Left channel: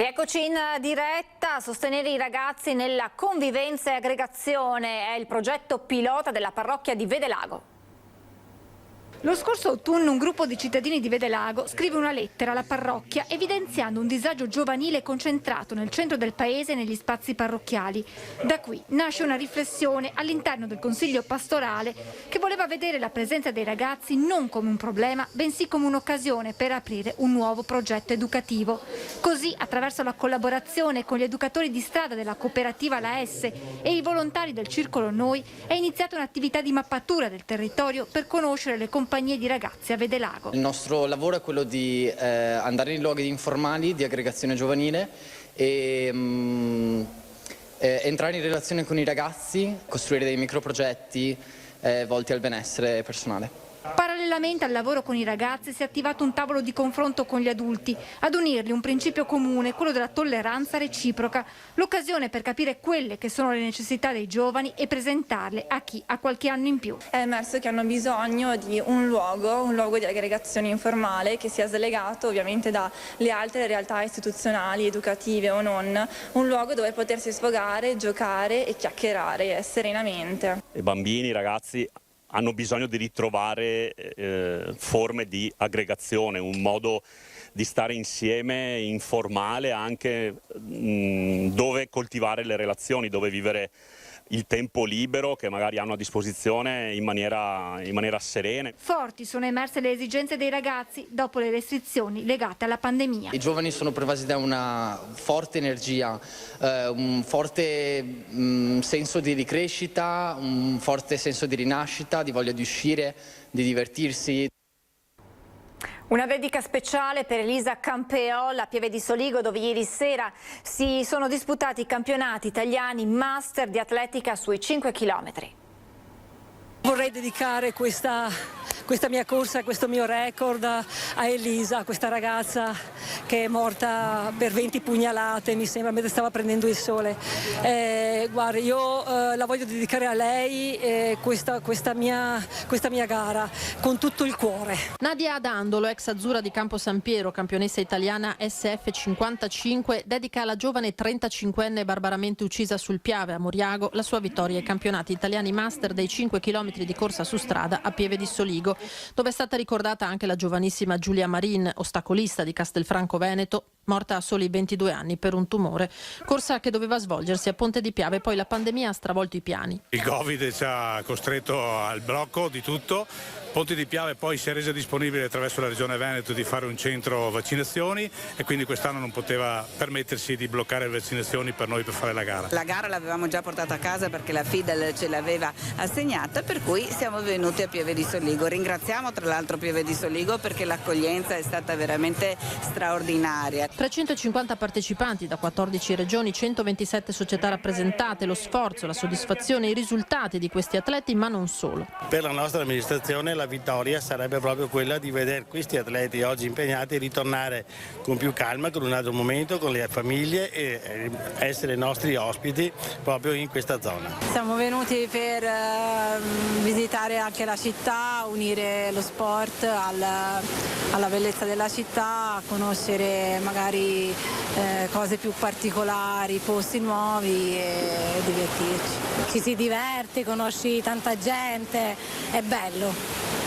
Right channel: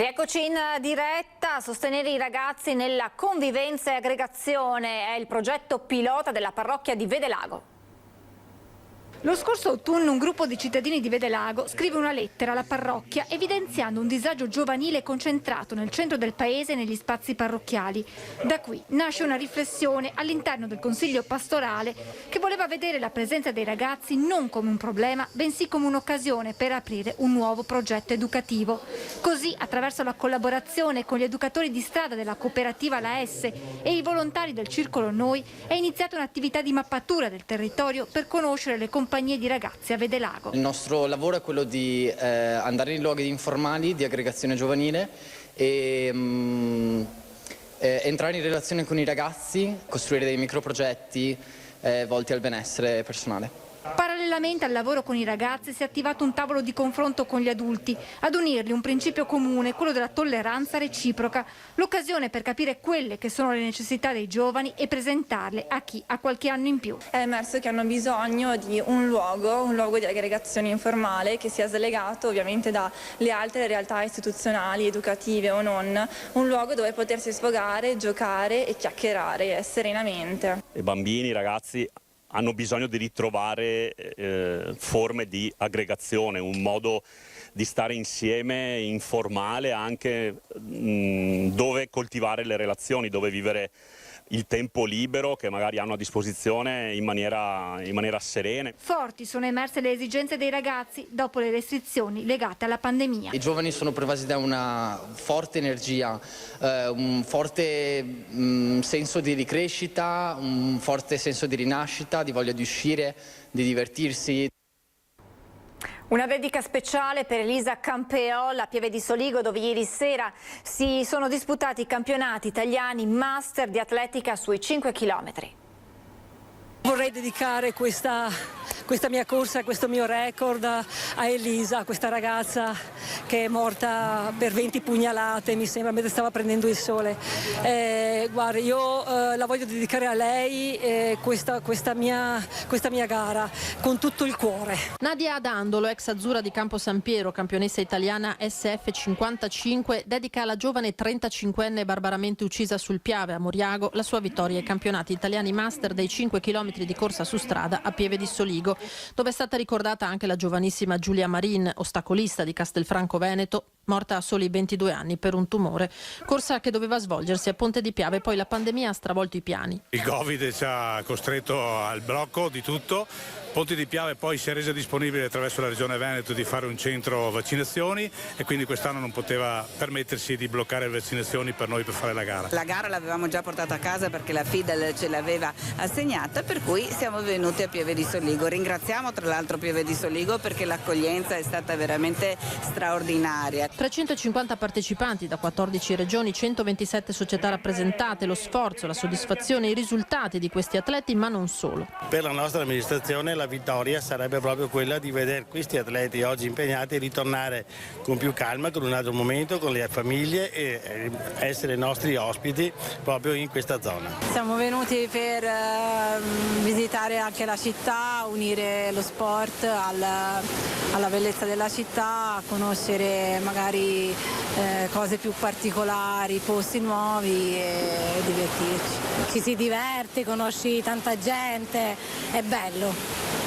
Rieccoci in diretta. Sostenere i ragazzi nella convivenza e aggregazione è il progetto pilota della parrocchia di Vedelago. Lo scorso autunno un gruppo di cittadini di Vedelago scrive una lettera alla parrocchia evidenziando un disagio giovanile concentrato nel centro del paese e negli spazi parrocchiali. Da qui nasce una riflessione all'interno del Consiglio pastorale che voleva vedere la presenza dei ragazzi non come un problema, bensì come un'occasione per aprire un nuovo progetto educativo. Così, attraverso la collaborazione con gli educatori di strada della cooperativa La S e i volontari del Circolo Noi, è iniziata un'attività di mappatura del territorio per conoscere le compagnie di ragazzi a Vedelago. Il nostro lavoro è quello di andare in luoghi informali di aggregazione giovanile e entrare in relazione con i ragazzi, costruire dei microprogetti volti al benessere personale. Parallelamente al lavoro con i ragazzi si è attivato un tavolo di confronto con gli adulti, ad unirli un principio comune, quello della tolleranza reciproca, l'occasione per capire quelle che sono le necessità dei giovani e presentarle a chi ha qualche anno in più. È emerso che hanno bisogno di un luogo di aggregazione informale che sia slegato ovviamente dalle altre realtà istituzionali, educative o non, un luogo dove potersi sfogare, giocare e chiacchierare serenamente. I bambini, i ragazzi hanno bisogno di ritrovare forme di aggregazione, un modo di stare insieme informale anche dove coltivare le relazioni, dove vivere il tempo libero che magari hanno a disposizione in maniera serena. Forti sono emerse le esigenze dei ragazzi dopo le restrizioni legate alla pandemia. I giovani sono pervasi da una forte energia, un forte senso di ricrescita, un forte senso di rinascita, di voglia di uscire, di divertirsi. Una dedica speciale per Elisa Campeola a Pieve di Soligo, dove ieri sera si sono disputati i campionati italiani master di atletica sui 5 chilometri. Vorrei dedicare questa mia corsa, questo mio record a Elisa, questa ragazza che è morta per 20 pugnalate, mi sembra, mentre stava prendendo il sole. Guarda, io la voglio dedicare a lei questa mia gara con tutto il cuore. Nadia Adandolo, ex azzurra di Campo San Piero, campionessa italiana SF55, dedica alla giovane 35enne barbaramente uccisa sul Piave a Moriago la sua vittoria ai campionati italiani master dei 5 km di corsa su strada a Pieve di Soligo, dove è stata ricordata anche la giovanissima Giulia Marin, ostacolista di Castelfranco Veneto, morta a soli 22 anni per un tumore. Corsa che doveva svolgersi a Ponte di Piave, poi la pandemia ha stravolto i piani. Il Covid ci ha costretto al blocco di tutto. Ponte di Piave poi si è resa disponibile attraverso la Regione Veneto di fare un centro vaccinazioni e quindi quest'anno non poteva permettersi di bloccare le vaccinazioni per noi per fare la gara. La gara l'avevamo già portata a casa perché la FIDAL ce l'aveva assegnata, per cui siamo venuti a Pieve di Soligo. Ringraziamo tra l'altro Pieve di Soligo perché l'accoglienza è stata veramente straordinaria. 350 partecipanti da 14 regioni, 127 società rappresentate, lo sforzo, la soddisfazione, i risultati di questi atleti, ma non solo. Per la nostra amministrazione la vittoria sarebbe proprio quella di vedere questi atleti oggi impegnati ritornare con più calma, con un altro momento, con le famiglie e essere nostri ospiti proprio in questa zona. Siamo venuti per visitare anche la città, unire lo sport alla bellezza della città, conoscere magari cose più particolari, posti nuovi e divertirci. Ci si diverte, conosci tanta gente, è bello.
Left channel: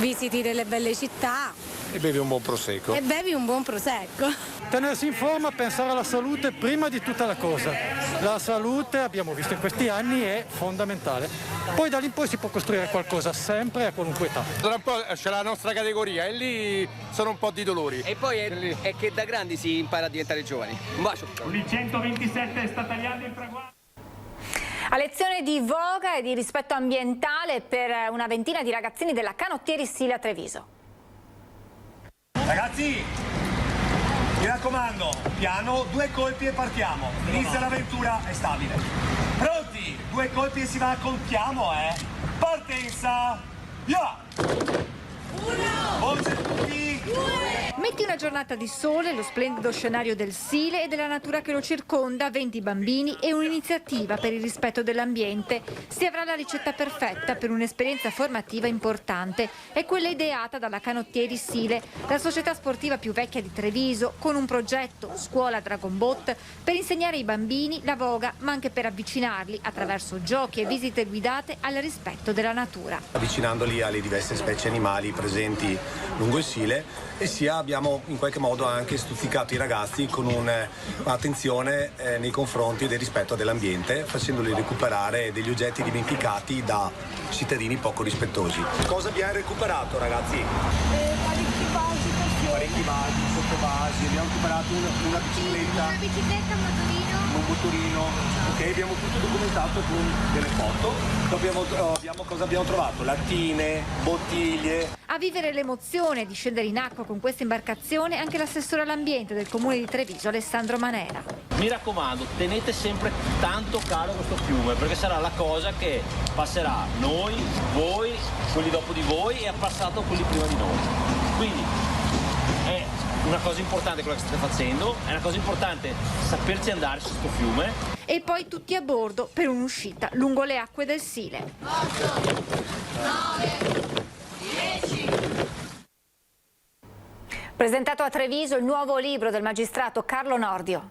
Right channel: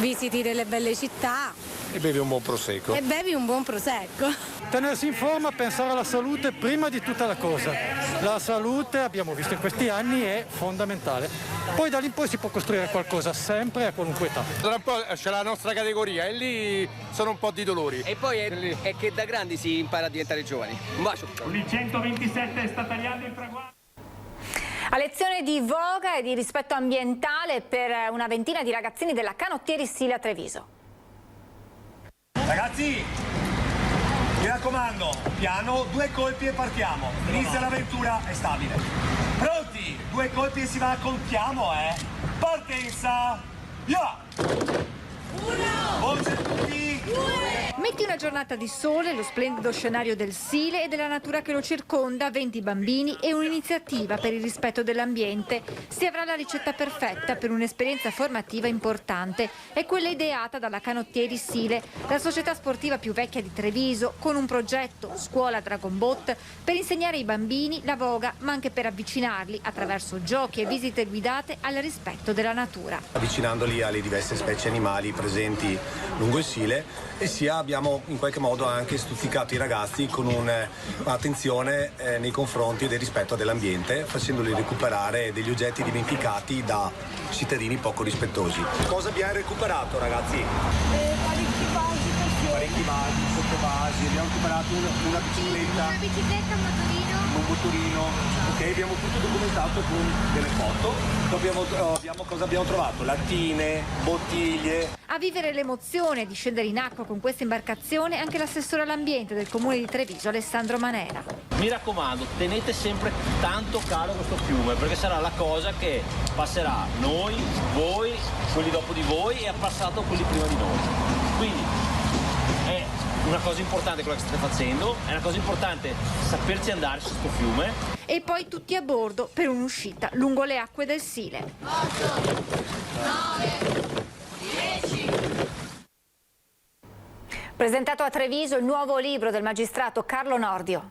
Visiti delle belle città. E bevi un buon prosecco. Tenersi in forma, pensare alla salute prima di tutta la cosa. La salute, abbiamo visto in questi anni, è fondamentale. Poi da lì in poi si può costruire qualcosa sempre a qualunque età. Tra un po' c'è la nostra categoria e lì sono un po' di dolori. E poi è che da grandi si impara a diventare giovani. Un bacio. Il 127 sta tagliando il traguardo. A lezione di voga e di rispetto ambientale per una ventina di ragazzini della Canottieri Stile Treviso. Ragazzi, mi raccomando, piano, 2 colpi e partiamo. Inizia l'avventura, è stabile. Pronti? 2 colpi e si va, contiamo, Partenza! Via! 1! Voce tutti! Metti una giornata di sole, lo splendido scenario del Sile e della natura che lo circonda, 20 bambini e un'iniziativa per il rispetto dell'ambiente. Si avrà la ricetta perfetta per un'esperienza formativa importante. È quella ideata dalla Canottieri Sile, la società sportiva più vecchia di Treviso, con un progetto Scuola Dragon Boat per insegnare ai bambini la voga, ma anche per avvicinarli attraverso giochi e visite guidate al rispetto della natura. Avvicinandoli alle diverse specie animali presenti lungo il Sile, e sia abbiamo in qualche modo anche stuzzicato i ragazzi con un'attenzione nei confronti del rispetto dell'ambiente, facendoli recuperare degli oggetti dimenticati da cittadini poco rispettosi. Cosa abbiamo recuperato, ragazzi? Parecchi vasi, sottovasi, abbiamo recuperato una bicicletta, un motorino, ok, abbiamo tutto documentato con delle foto. Cosa abbiamo trovato? Lattine, bottiglie. A vivere l'emozione di scendere in acqua con questa imbarcazione anche l'assessore all'ambiente del comune di Treviso, Alessandro Manera. Mi raccomando, tenete sempre tanto caro questo fiume, perché sarà la cosa che passerà noi, voi, quelli dopo di voi e ha passato quelli prima di noi. Quindi è una cosa importante quella che state facendo, è una cosa importante saperci andare su questo fiume. E poi tutti a bordo per un'uscita lungo le acque del Sile. 8, 9, 10. Presentato a Treviso il nuovo libro del magistrato Carlo Nordio.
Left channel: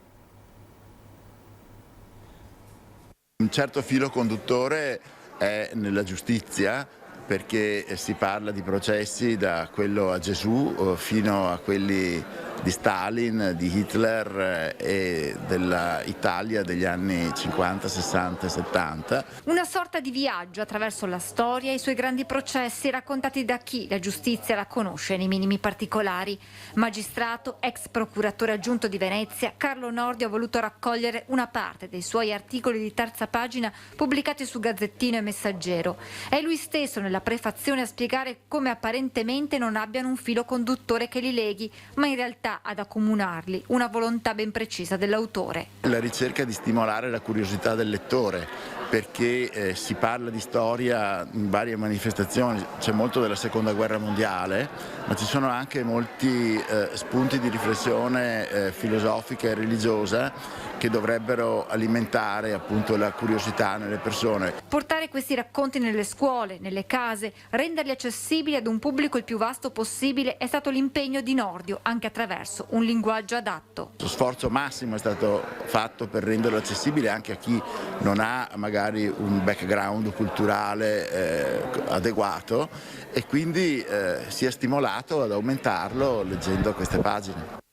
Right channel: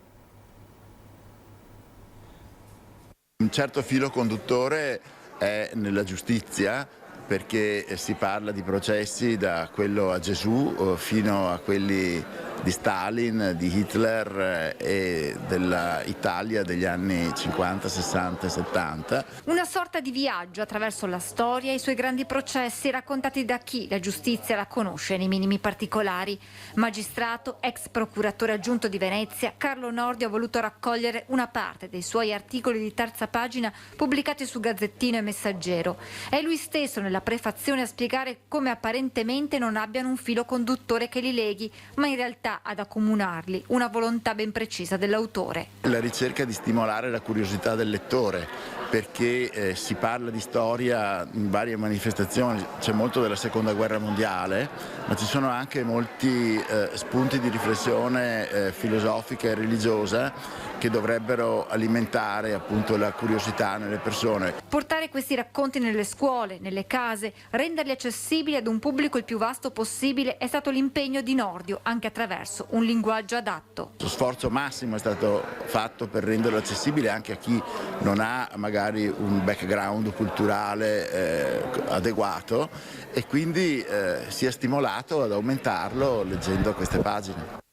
Un certo filo conduttore è nella giustizia, perché si parla di processi da quello a Gesù fino a quelli di Stalin, di Hitler e dell'Italia degli anni 50, 60 e 70. Una sorta di viaggio attraverso la storia e i suoi grandi processi raccontati da chi la giustizia la conosce nei minimi particolari. Magistrato, ex procuratore aggiunto di Venezia, Carlo Nordio ha voluto raccogliere una parte dei suoi articoli di terza pagina pubblicati su Gazzettino e Messaggero. È lui stesso nella prefazione a spiegare come apparentemente non abbiano un filo conduttore che li leghi, ma in realtà ad accomunarli una volontà ben precisa dell'autore. La ricerca di stimolare la curiosità del lettore, perché si parla di storia in varie manifestazioni, c'è molto della seconda guerra mondiale, ma ci sono anche molti spunti di riflessione filosofica e religiosa che dovrebbero alimentare appunto la curiosità nelle persone. Portare questi racconti nelle scuole, nelle case, renderli accessibili ad un pubblico il più vasto possibile è stato l'impegno di Nordio, anche attraverso un linguaggio adatto. Lo sforzo massimo è stato fatto per renderlo accessibile anche a chi non ha magari un background culturale adeguato, e quindi si è stimolato ad aumentarlo leggendo queste pagine.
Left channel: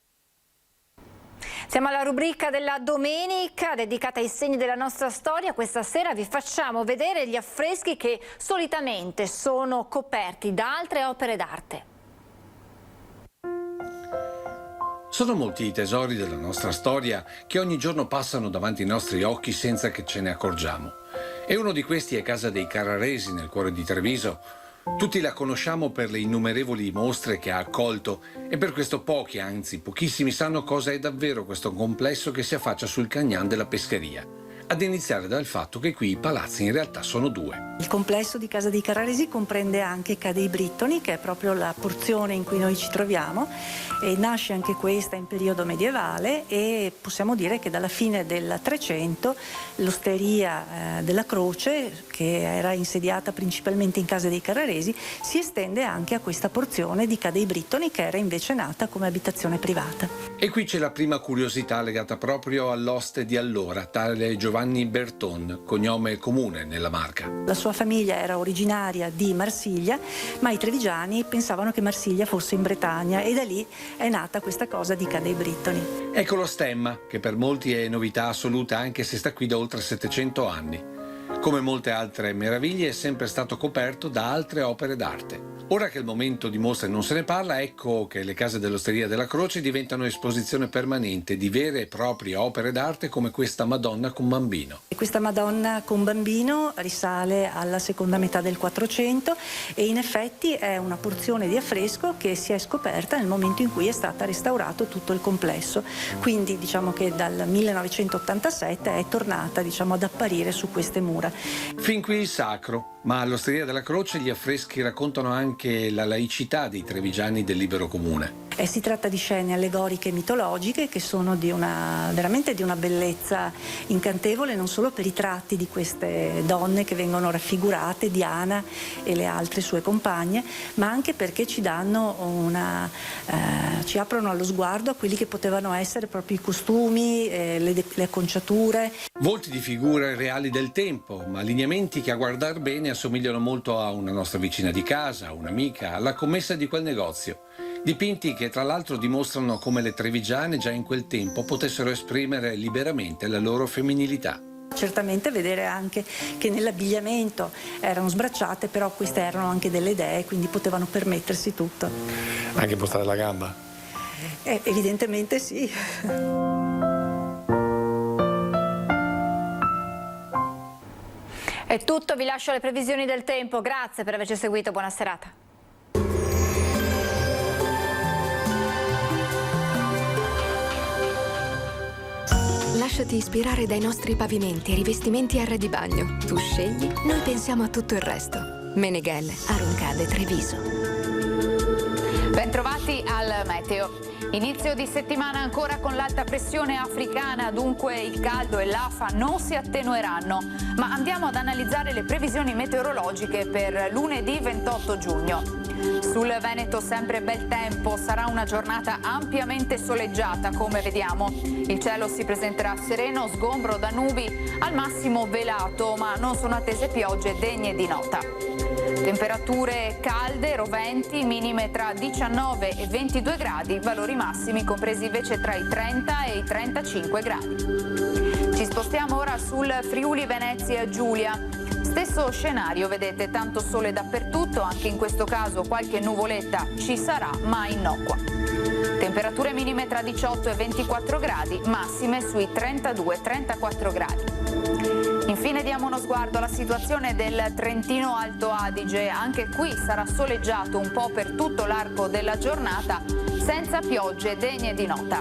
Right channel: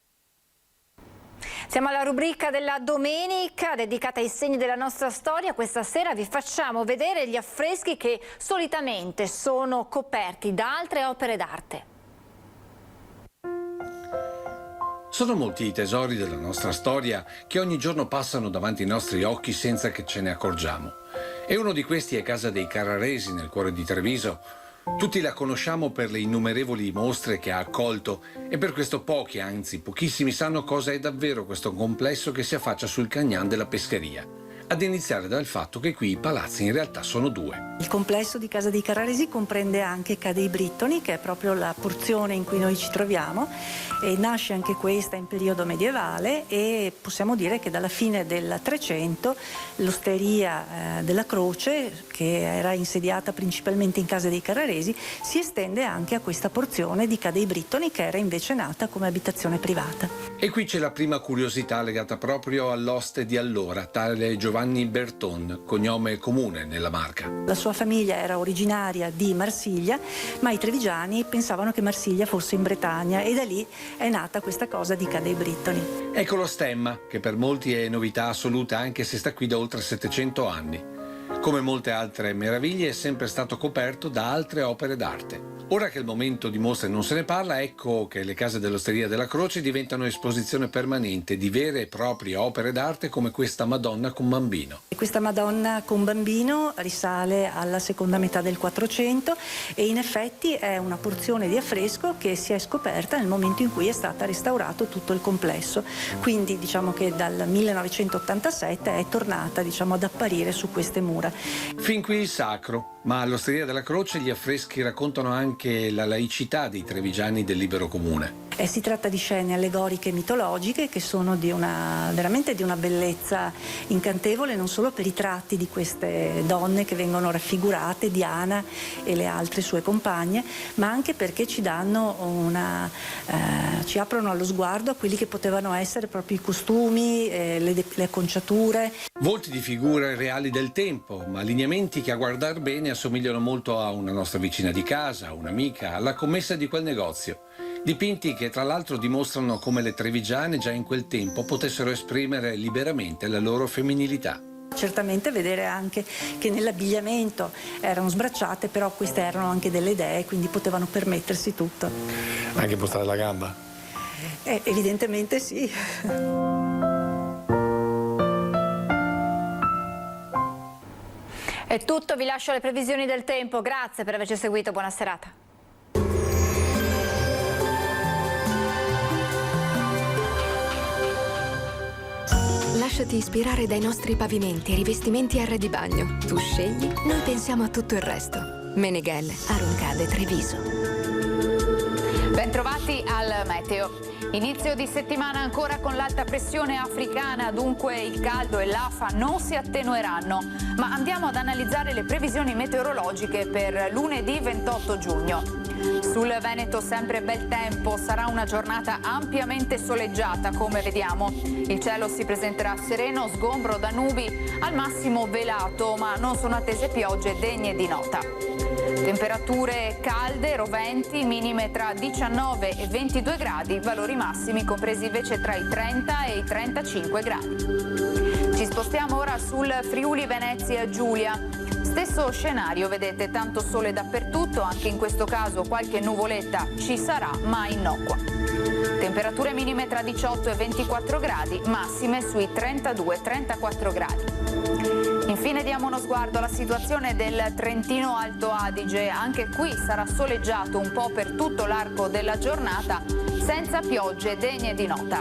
Siamo alla rubrica della domenica dedicata ai segni della nostra storia. Questa sera vi facciamo vedere gli affreschi che solitamente sono coperti da altre opere d'arte. Sono molti i tesori della nostra storia che ogni giorno passano davanti ai nostri occhi senza che ce ne accorgiamo. E uno di questi è Casa dei Carraresi, nel cuore di Treviso. Tutti la conosciamo per le innumerevoli mostre che ha accolto, e per questo pochi, anzi pochissimi, sanno cosa è davvero questo complesso che si affaccia sul Cagnan della Pescheria. Ad iniziare dal fatto che qui i palazzi in realtà sono due. Il complesso di Casa dei Carraresi comprende anche Ca' dei Brittoni, che è proprio la porzione in cui noi ci troviamo, e nasce anche questa in periodo medievale, e possiamo dire che dalla fine del 300 l'osteria della Croce, che era insediata principalmente in Casa dei Carraresi, si estende anche a questa porzione di Ca' dei Brittoni, che era invece nata come abitazione privata. E qui c'è la prima curiosità legata proprio all'oste di allora, tale Giovanni Berton, cognome comune nella Marca. La sua famiglia era originaria di Marsiglia, ma i trevigiani pensavano che Marsiglia fosse in Bretagna, e da lì è nata questa cosa di Ca' dei Brittoni. Ecco lo stemma, che per molti è novità assoluta anche se sta qui da oltre 700 anni. Come molte altre meraviglie è sempre stato coperto da altre opere d'arte. Ora che il momento di mostre non se ne parla, ecco che le case dell'Osteria della Croce diventano esposizione permanente di vere e proprie opere d'arte come questa Madonna con bambino. E questa Madonna con bambino risale alla seconda metà del 400 e in effetti è una porzione di affresco che si è scoperta nel momento in cui è stato restaurato tutto il complesso. Quindi diciamo che dal 1987 è tornata ad apparire su queste mura. Fin qui il sacro, ma all'Osteria della Croce gli affreschi raccontano anche la laicità dei trevigiani del libero comune. Si tratta di scene allegoriche e mitologiche che sono veramente di una bellezza incantevole, non solo per i tratti di queste donne che vengono raffigurate, Diana e le altre sue compagne, ma anche perché ci aprono allo sguardo a quelli che potevano essere proprio i costumi, le acconciature. Volti di figure reali del tempo, ma lineamenti che a guardar bene assomigliano molto a una nostra vicina di casa, un'amica, alla commessa di quel negozio. Dipinti che tra l'altro dimostrano come le trevigiane già in quel tempo potessero esprimere liberamente la loro femminilità. Certamente vedere anche che nell'abbigliamento erano sbracciate, però queste erano anche delle dee, quindi potevano permettersi tutto. Anche postare la gamba? Evidentemente sì. È tutto, vi lascio le previsioni del tempo. Grazie per averci seguito, buona serata. Lasciati ispirare dai nostri pavimenti e rivestimenti R di bagno. Tu scegli, noi pensiamo a tutto il resto. Meneghel, Aruncade, Treviso. Bentrovati al meteo. Inizio di settimana ancora con l'alta pressione africana, dunque il caldo e l'afa non si attenueranno, ma andiamo ad analizzare le previsioni meteorologiche per lunedì 28 giugno. Sul Veneto sempre bel tempo, sarà una giornata ampiamente soleggiata come vediamo. Il cielo si presenterà sereno, sgombro da nubi, al massimo velato, ma non sono attese piogge degne di nota. Temperature calde, roventi, minime tra 19 e 22 gradi, valori massimi compresi invece tra i 30 e i 35 gradi. Ci spostiamo ora sul Friuli Venezia Giulia. Stesso scenario, vedete, tanto sole dappertutto, anche in questo caso qualche nuvoletta ci sarà, ma innocua. Temperature minime tra 18 e 24 gradi, massime sui 32-34 gradi. Infine diamo uno sguardo alla situazione del Trentino Alto Adige. Anche qui sarà soleggiato un po' per tutto l'arco della giornata, senza piogge degne di nota.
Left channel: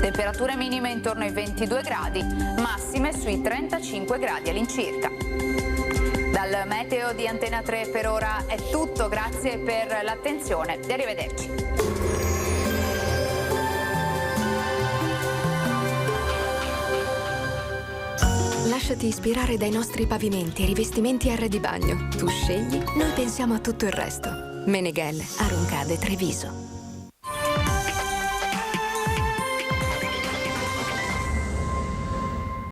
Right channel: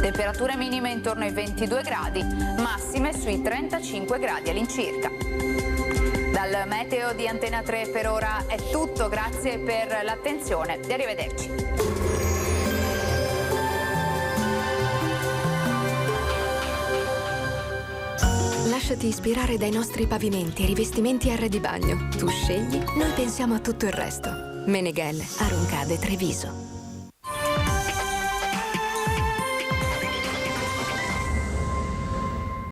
Temperature minime intorno ai 22 gradi, massime sui 35 gradi all'incirca. Dal meteo di Antena 3 per ora è tutto, grazie per l'attenzione e arrivederci. Lasciati ispirare dai nostri pavimenti e rivestimenti R di bagno. Tu scegli, noi pensiamo a tutto il resto. Meneghel, Aruncade, Treviso.